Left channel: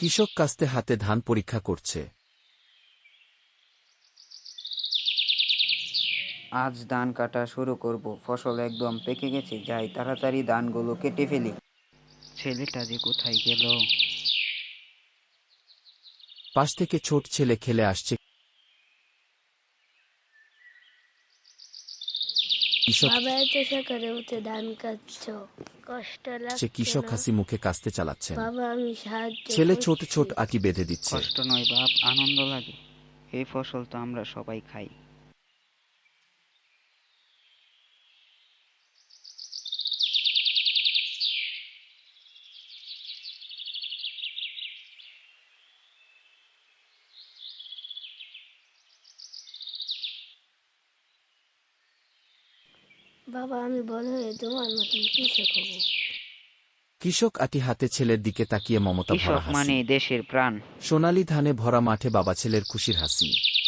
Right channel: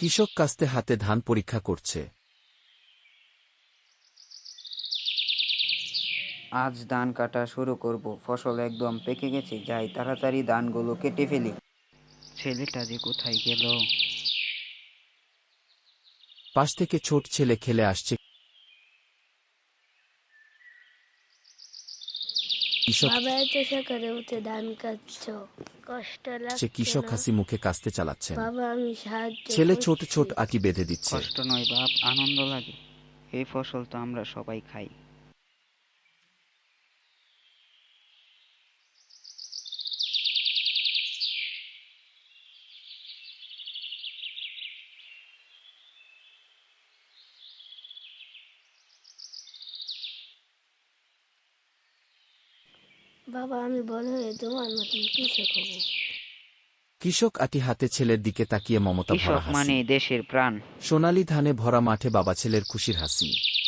কৃষক কাস্তে হাতে ধান পরীক্ষা করছে। আজ ধান কাটা শুরু করব, ফসল একদম পেকে গেছে, যাই তাড়াতাড়ি ধানগুলো কেটে ফেলি। ছেলেটা যে কোথায় গেল? পাশ থেকে ছোট ছেলে খেলে আসছে। কৃষক বাবা, এত সকালে উঠে ধান কাটছো, কষ্ট লাগছে কৃষক না? হাসি মুখে কাস্তে চালাচ্ছেন। বাবা, আমি সাহায্য ছেলে ছোট করছি। ছোট আটি বেঁধে দিচ্ছে। কষ্ট নয় বাপ, আনন্দ লাগে। এই ফসল তো আমরা সবাই খাই। বাবা, আমি বড় হয়ে তোমার মতন কৃষক হব। কৃষক আটি হাতে ছেলের দিকে তাকিয়ে মমতা ভরা কৃষক হাসি। মানে দেশের প্রাণ। সোনালী ধানে ভরা মাঠে বাবা ছেলের খুশির হাসি।